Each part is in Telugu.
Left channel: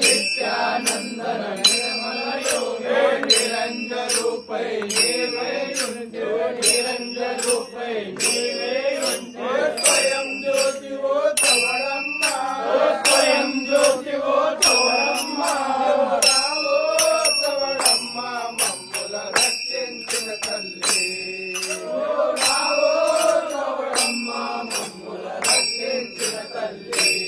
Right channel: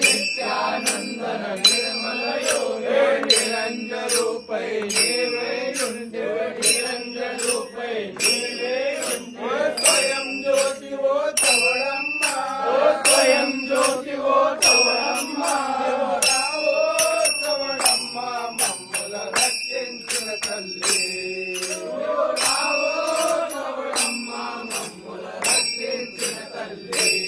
నిత్యానందన నిర్మల యోగే నిరంజరూపై నీవే ఉంటివే నిరంజరూపై నీవే ఉంటివే స్వయం జ్యోతివో తవడమ్మ స్వయం జ్యోతివో తవడమ్మ తవడమ్మ మమ్ముల రక్షించిన తల్లి తవడమ్మ మమ్ముల రక్షించిన తల్లి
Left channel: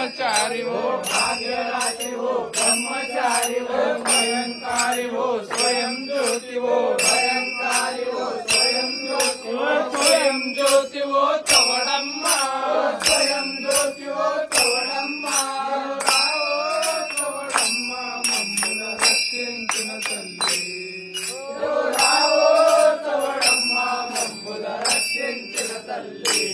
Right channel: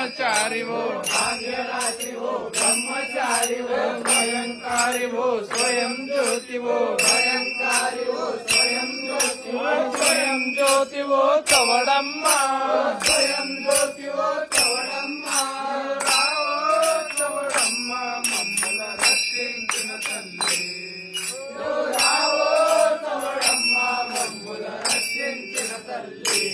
ब्रह्मचारी वो भाग्यराशि वो ब्रह्मचारी वो भयंकारी वो स्वयं ज्योति वो भयंकारी वो स्वयं ज्योति वो स्वयं ज्योति वो तवड़म्मा स्वयं ज्योति वो तवड़म्मा तवड़म्मा मम्मुल रक्षिंచిన తల్లి రావో తవడమ్మ మమ్ముల రక్షించిన తల్లి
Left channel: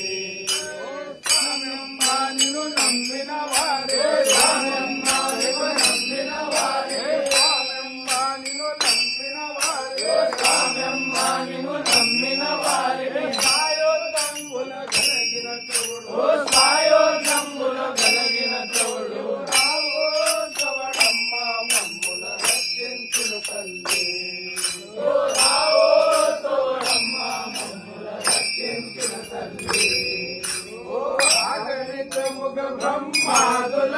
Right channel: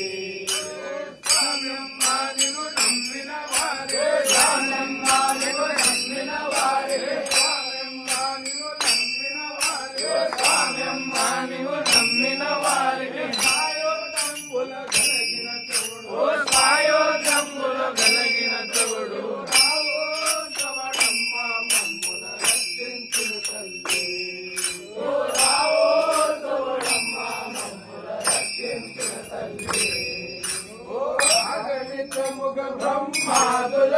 బ్రహ్మాదుల